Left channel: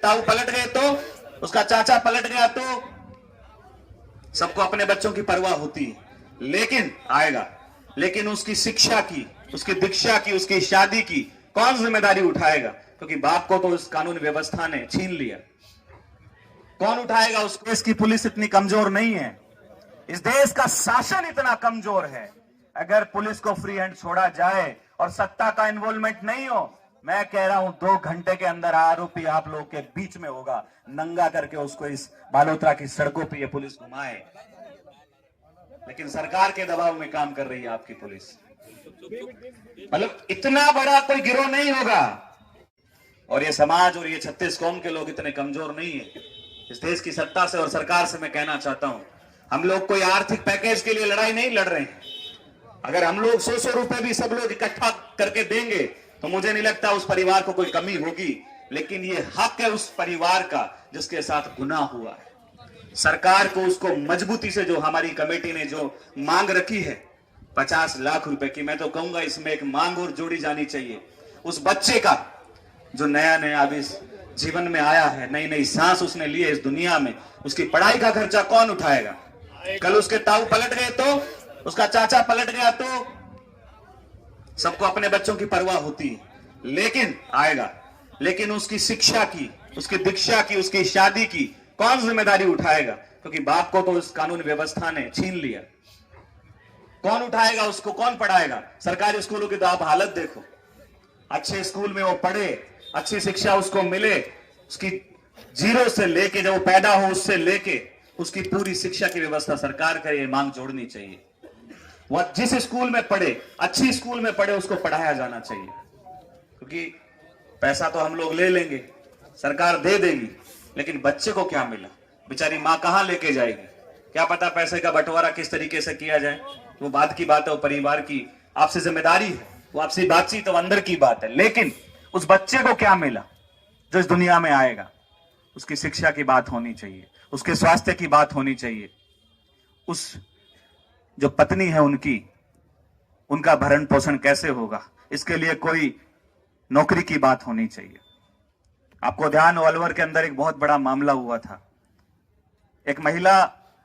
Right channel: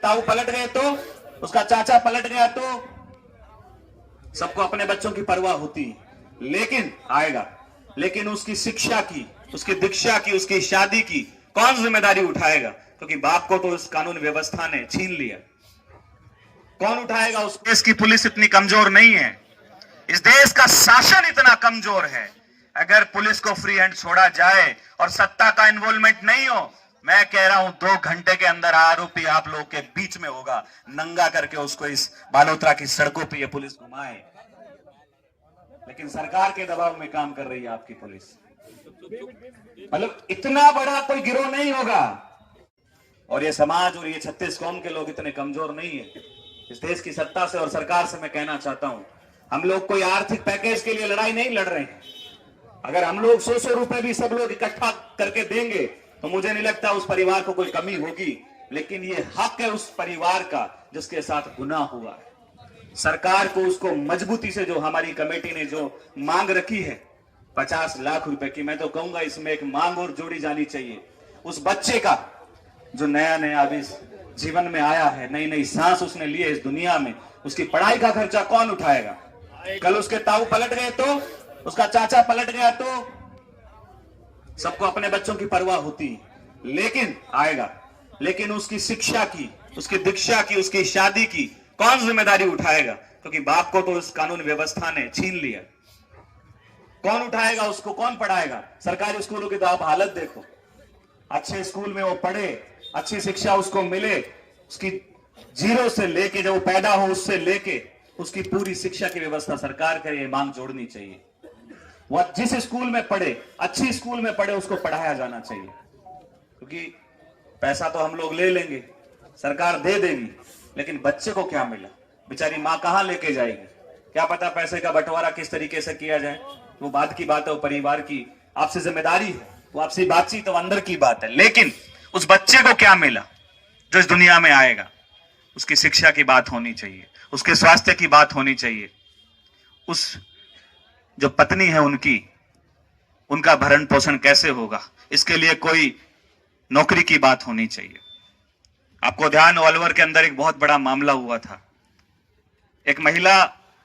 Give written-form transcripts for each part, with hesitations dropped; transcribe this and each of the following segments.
ताऊ पलट गए तो, उसका चाचा पलट गया तो सबको अपने बच्चों की परवाह होती है, लेकिन आएगा। लेकिन उसकी शिक्षा की, उसकी दीक्षा की, उसकी शादी की कौन जिम्मेदारी उठाएगा? क्योंकि बाप को तो उस कानून व्यवस्था ने छीन लिया। कौन उठाएगा? उस देश की पुलिस इतनी कमजोर नहीं है, इस देश का शासन इतना कमजोर है। अगर पुलिस को फ्री हैंड छोड़ा जाए और सत्ता का इन्वॉल्वमेंट नहीं हो, मैं कह रहा हूं 2 घंटे के अंदर आरोपी आप लोगों के बीच में होगा, नंगा करके उसको इस बालोतरा की सड़कों पे ये पुलिस घुमाए। लेकिन सरकार के दबाव में काम कर रही है आपकी पुलिस। मतलब इतना बड़ा कोई गिरोह नहीं होगा, और ये समाज और ये 36 कौम के लोग इतने कमजोर नहीं है। इस देश की सत्ता से और सरकार से मैं कहना चाहता हूं, हम लोग कोई आर्थिक पैकेज के लिए लड़ाई नहीं लड़ रहे हैं। अगर हम लोग 100 रुपए भी सब लोग इकट्ठा करके देंगे तो मुझे नहीं लगता उस परिवार को कोई कमी होगी, लेकिन ये हक है उस परिवार का जिसके साथ गुनाह हुआ है। सरकार को उसको मजबूती से, जो हमारी कमेटी ने जो मांग रखी है 50 लाख रुपए की, मैं तो कहूंगा इसमें एक मांग और जोड़ी जानी चाहिए। उस बच्चे का जो नया नया अभी जीवन में आया है, नई नई सांस उसने ली है इस दुनिया में, उसकी पढ़ाई का खर्चा कौन उठाएगा? कल उसके ताऊ पलट गए तो, उसका चाचा पलट गया तो सबको अपने बच्चों की परवाह होती है, लेकिन आएगा। लेकिन उसकी शिक्षा की, उसकी दीक्षा की, उसकी शादी की कौन जिम्मेदारी उठाएगा? क्योंकि बाप को तो उस कानून व्यवस्था ने छीन लिया। कौन उठाएगा? उसको कौन पढ़ाएगा? सरकारी स्कूलों की तो आप हालत देखो। अच्छे स्कूल में वो पढ़े, अच्छी शिक्षा उसको मिले, उसकी जीरो से लेके जब वो पैदा हो उससे लेके उसकी पूरी शिक्षा की व्यवस्था सरकार का ये मांग जोड़नी चाहिए। वह जिस स्कूल में पढ़े, अच्छी स्कूल में पढ़े, उसको पढ़ाया जाना चाहिए। क्योंकि पैसा तो हम लोग ले लेंगे, सरकार दे देगी, लेकिन बच्चे को क्या मिला? बेचारी माँ कहां लेके जाएगी? क्या पता पैसे का बंटवारा किस तरीके से किया जाए, वो बात की बात है, वो परिवार की आपसे जिम्मेदारी है, वो आपसी बातचीत तो अंदर की बात है। लेकिन उस बच्चे को क्या मिला जो इस दुनिया में आएगा? उसकी शिक्षा की बात होनी चाहिए, उसके स्वास्थ्य की बात होनी चाहिए, उस जो पत्नी है उनका भरण पोषण कैसे होगा, इसके लिए कोई नौकरी की बात होनी चाहिए। आपको ध्यान, अलवर के अंदर एक बहुत बड़ा मामला हुआ था। एक महिला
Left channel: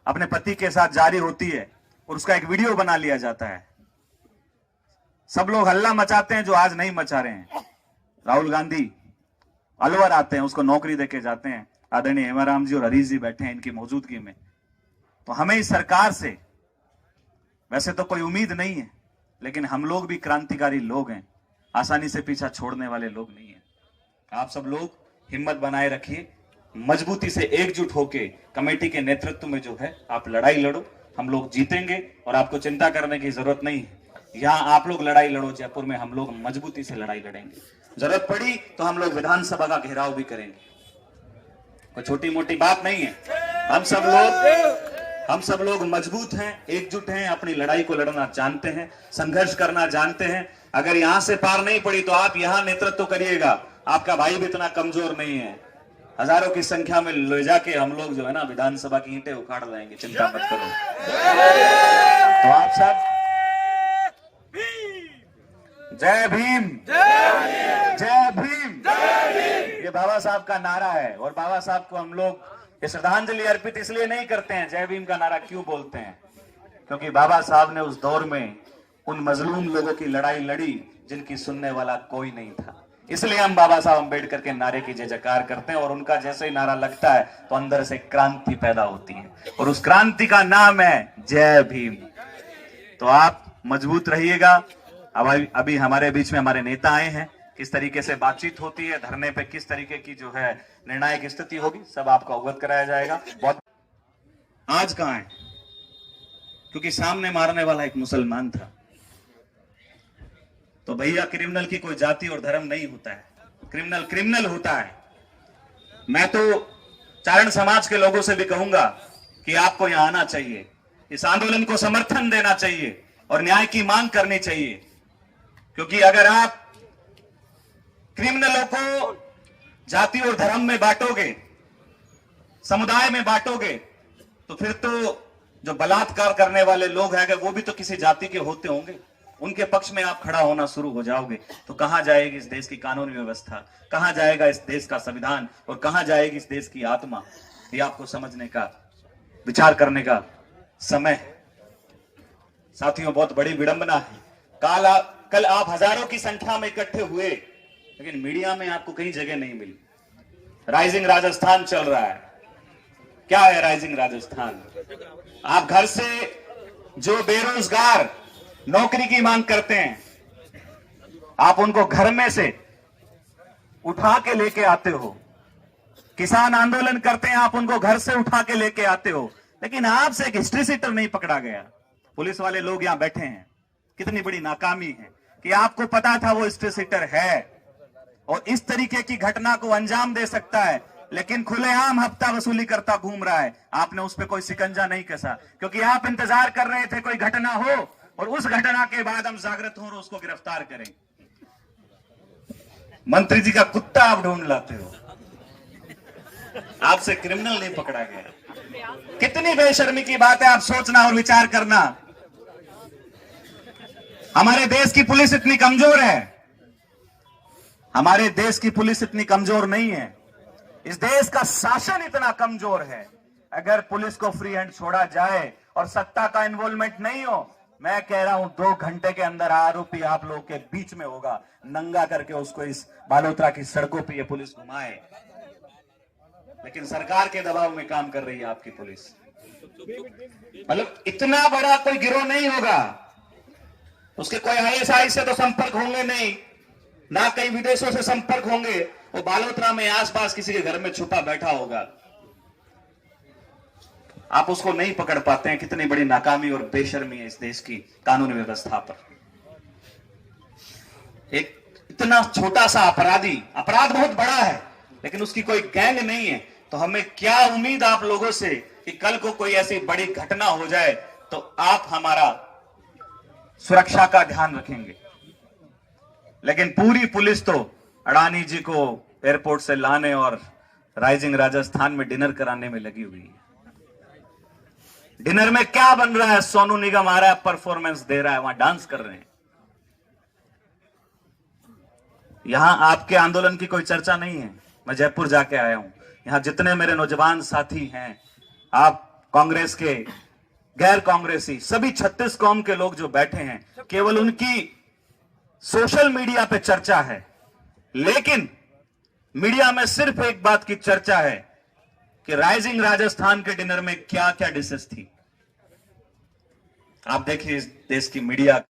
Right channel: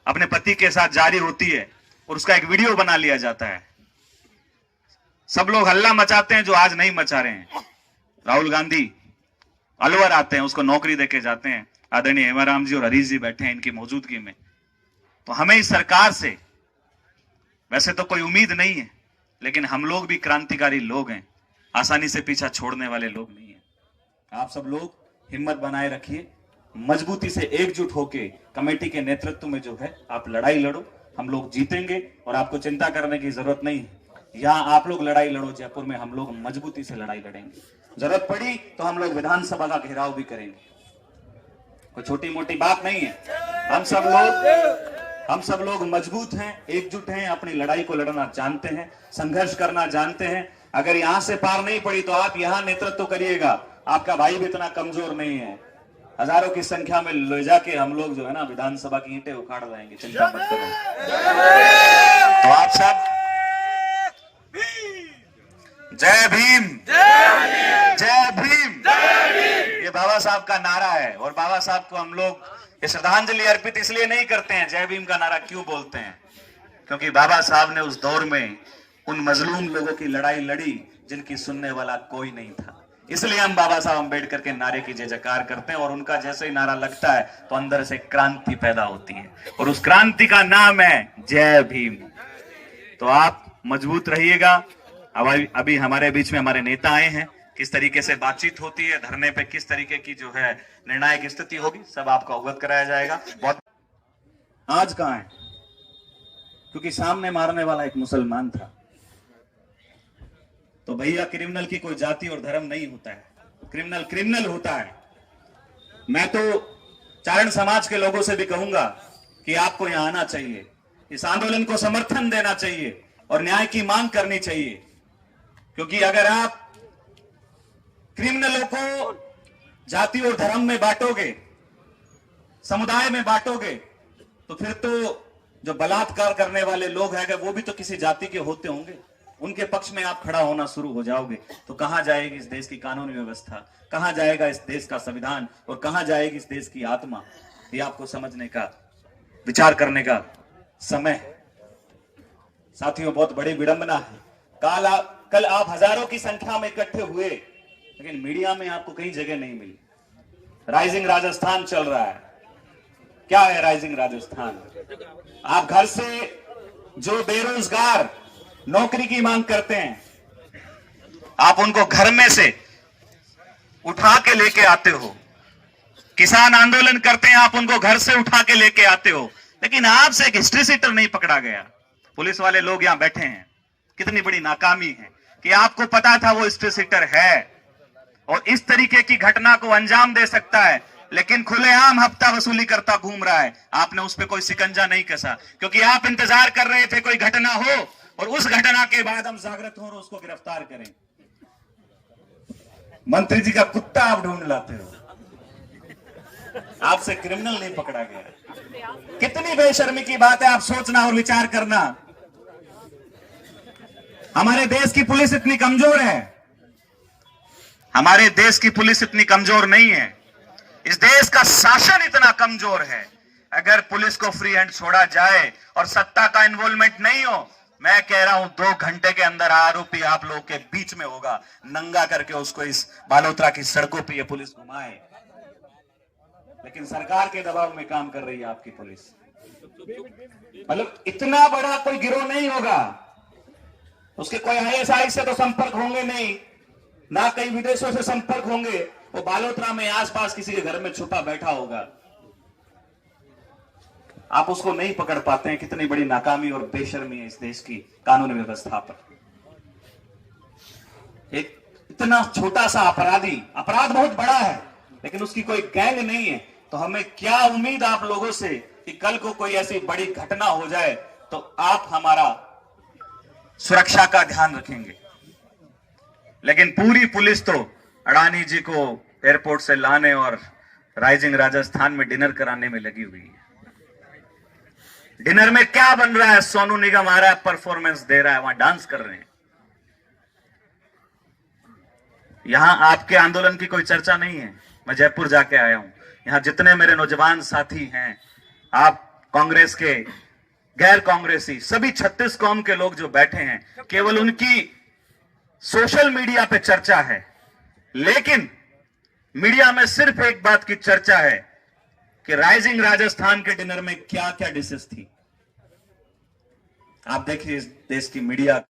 अपने पति के साथ जा रही होती है और उसका एक वीडियो बना लिया जाता है। सब लोग हल्ला मचाते हैं जो आज नहीं मचा रहे हैं। राहुल गांधी अलवर आते हैं, उसको नौकरी देके जाते हैं। आदरणीय हेमाराम जी और हरीश जी बैठे हैं इनकी मौजूदगी में। तो हमें इस सरकार से वैसे तो कोई उम्मीद नहीं है, लेकिन हम लोग भी क्रांतिकारी लोग हैं, आसानी से पीछा छोड़ने वाले लोग नहीं हैं। आप सब लोग हिम्मत बनाए रखिए, मजबूती से एकजुट होके कमेटी के नेतृत्व में जो है आप लड़ाई लड़ो, हम लोग जीतेंगे और आपको चिंता करने की जरूरत नहीं है। यहाँ आप लोग लड़ाई लड़ो, जयपुर में हम लोग मजबूती से लड़ाई लड़ेंगे। जरूरत पड़ी तो हम लोग विधानसभा का घेराव भी करेंगे। कोई छोटी मोटी बात नहीं है। हम सब लोग मजबूत हैं, एकजुट हैं, अपनी लड़ाई को लड़ना जानते हैं, संघर्ष करना जानते हैं। अगर यहां से पार नहीं पड़ी तो आप यहां नेतृत्व करिएगा। आपका भाई भी इतना कमजोर नहीं है। हजारों की संख्या में ले जाके हम लोग जो है ना विधानसभा की ईंटें उखाड़ लाएंगे, चिंता मत करो। तो आप सब जय भीम, जय भीम। ये बाबा साहब का नारा है, और बाबा साहब को हम लोग ये श्रद्धांजलि अर्पित इसलिए नहीं करते हैं। जय भीम का नारा क्यों बोलते हैं? क्योंकि बाबा साहब ने उस दौर में उन मजलूम लोगों की लड़ाई लड़ी जिनकी सुनने वाला कोई नहीं था। इसलिए हम बाबा साहब अम्बेडकर के नारे की जय जयकार करते हैं, और उनका जैसे ही नारा लगता है तो अंदर से क्रांति पैदा होती है, और उस क्रांति का नाम है जय भीम। तो आप मजबूत रहिएगा। अभी हमारे बीच में हमारे नेता आए हैं, किस तरीके से बातचीत होती है, धरने पे किस तरीके की जो है निर्णायक स्थिति होगी, सब आपको अवगत कराया जाएगा। बहुत आज कहां है? क्योंकि सामने मारने वाला एक मुसलमान था। तो भैया, क्रिमिनल की कोई जाति और धर्म नहीं होता है, क्रिमिनल क्रिमिनल होता है। मैं तो चारण समाज के लोगों से भी कहूंगा कि आपको यहां आना चाहिए, इस आंदोलन को समर्थन देना चाहिए और न्याय की मांग करनी चाहिए। क्योंकि अगर आप क्रिमिनलों को जाति और धर्म में बांटोगे, समुदाय में बांटोगे, तो फिर तो जो बलात्कार करने वाले लोग हैं वो भी तो किसी जाति के होते होंगे, उनके पक्ष में आप खड़ा होना शुरू हो जाओगे तो कहां जाएगी इस देश की कानून व्यवस्था, कहां जाएगा इस देश का संविधान और कहां जाएगी इस देश की आत्मा। ये आपको समझने का, विचार करने का समय है। साथियों, बहुत बड़ी विडंबना है। कल आप हजारों की संख्या में इकट्ठे हुए, लेकिन मीडिया में आपको कहीं जगह नहीं मिली। राइजिंग राजस्थान चल रहा है। क्या है राइजिंग राजस्थान? आप घर से जो बेरोजगार नौकरी की मांग करते हैं, आप उनको घर में से उठा के लेके आते हो। किसान आंदोलन करते हैं, आप उनको घर से उठा के लेके आते हो, लेकिन आपसे एक हिस्ट्री सीटर नहीं पकड़ा गया। पुलिस वाले लोग यहां बैठे हैं। कितनी बड़ी नाकामी है कि आपको पता था वो हिस्ट्री सीटर है और इस तरीके की घटना को अंजाम दे सकता है, लेकिन खुलेआम हफ्ता वसूली करता घूम रहा है। आपने उस पर कोई शिकंजा नहीं कसा, क्योंकि आप इंतजार कर रहे थे कोई घटना हो और उस घटना के बाद हम जागृत हो और उसको गिरफ्तार करें। मंत्री जी का कुत्ता आप ढूंढ लाते हो, आपसे क्रिमिनल नहीं पकड़ा गया। कितनी बेशर्मी की बात है, आप सोचना और विचार करना। हमारे देश की पुलिस इतनी कमजोर है, हमारे देश की पुलिस इतनी कमजोर नहीं है, इस देश का शासन इतना कमजोर है। अगर पुलिस को फ्री हैंड छोड़ा जाए और सत्ता का इन्वॉल्वमेंट नहीं हो, मैं कह रहा हूं 2 घंटे के अंदर आरोपी आप लोगों के बीच में होगा। नंगा करके उसको इस बालोतरा की सड़कों पे ये पुलिस घुमाए, लेकिन सरकार के दबाव में काम कर रही है आपकी पुलिस। मतलब इतना बड़ा कोई गिरोह नहीं होगा, उसके कोई आईएसआई से तो संपर्क होंगे नहीं, ना कई विदेशों से संपर्क होंगे। वो बालोतरा में आसपास किसी के घर में छुपा बैठा होगा, आप उसको नहीं पकड़ पाते हैं। कितनी बड़ी नाकामी और बेशर्मी है इस देश की कानून व्यवस्था पर। एक इतना छोटा सा अपराधी, अपराध बहुत बड़ा है लेकिन उसकी कोई गैंग नहीं है, तो हमें क्या उम्मीद आप लोगों से कि कल को कोई ऐसी बड़ी घटना हो जाए तो आप हमारा सुरक्षा का ध्यान रखेंगे। लेकिन पूरी पुलिस तो अडानी जी को एयरपोर्ट से लाने और राइजिंग राजस्थान में डिनर कराने में लगी हुई है। डिनर में क्या बन रहा है? सोनू निगम आ रहा है, परफॉर्मेंस दे रहा है, वहां डांस कर रहे हैं। यहां आपके आंदोलन की कोई चर्चा नहीं है। मैं जयपुर जाके आया हूं, यहां जितने मेरे नौजवान साथी हैं, आप कांग्रेस के, गैर कांग्रेसी, सभी 36 कौम के लोग जो बैठे हैं, केवल उनकी सोशल मीडिया पे चर्चा है। लेकिन मीडिया में सिर्फ एक बात की चर्चा है कि राइजिंग राजस्थान के डिनर में क्या क्या डिशेस थी। आप देखिए इस देश की मीडिया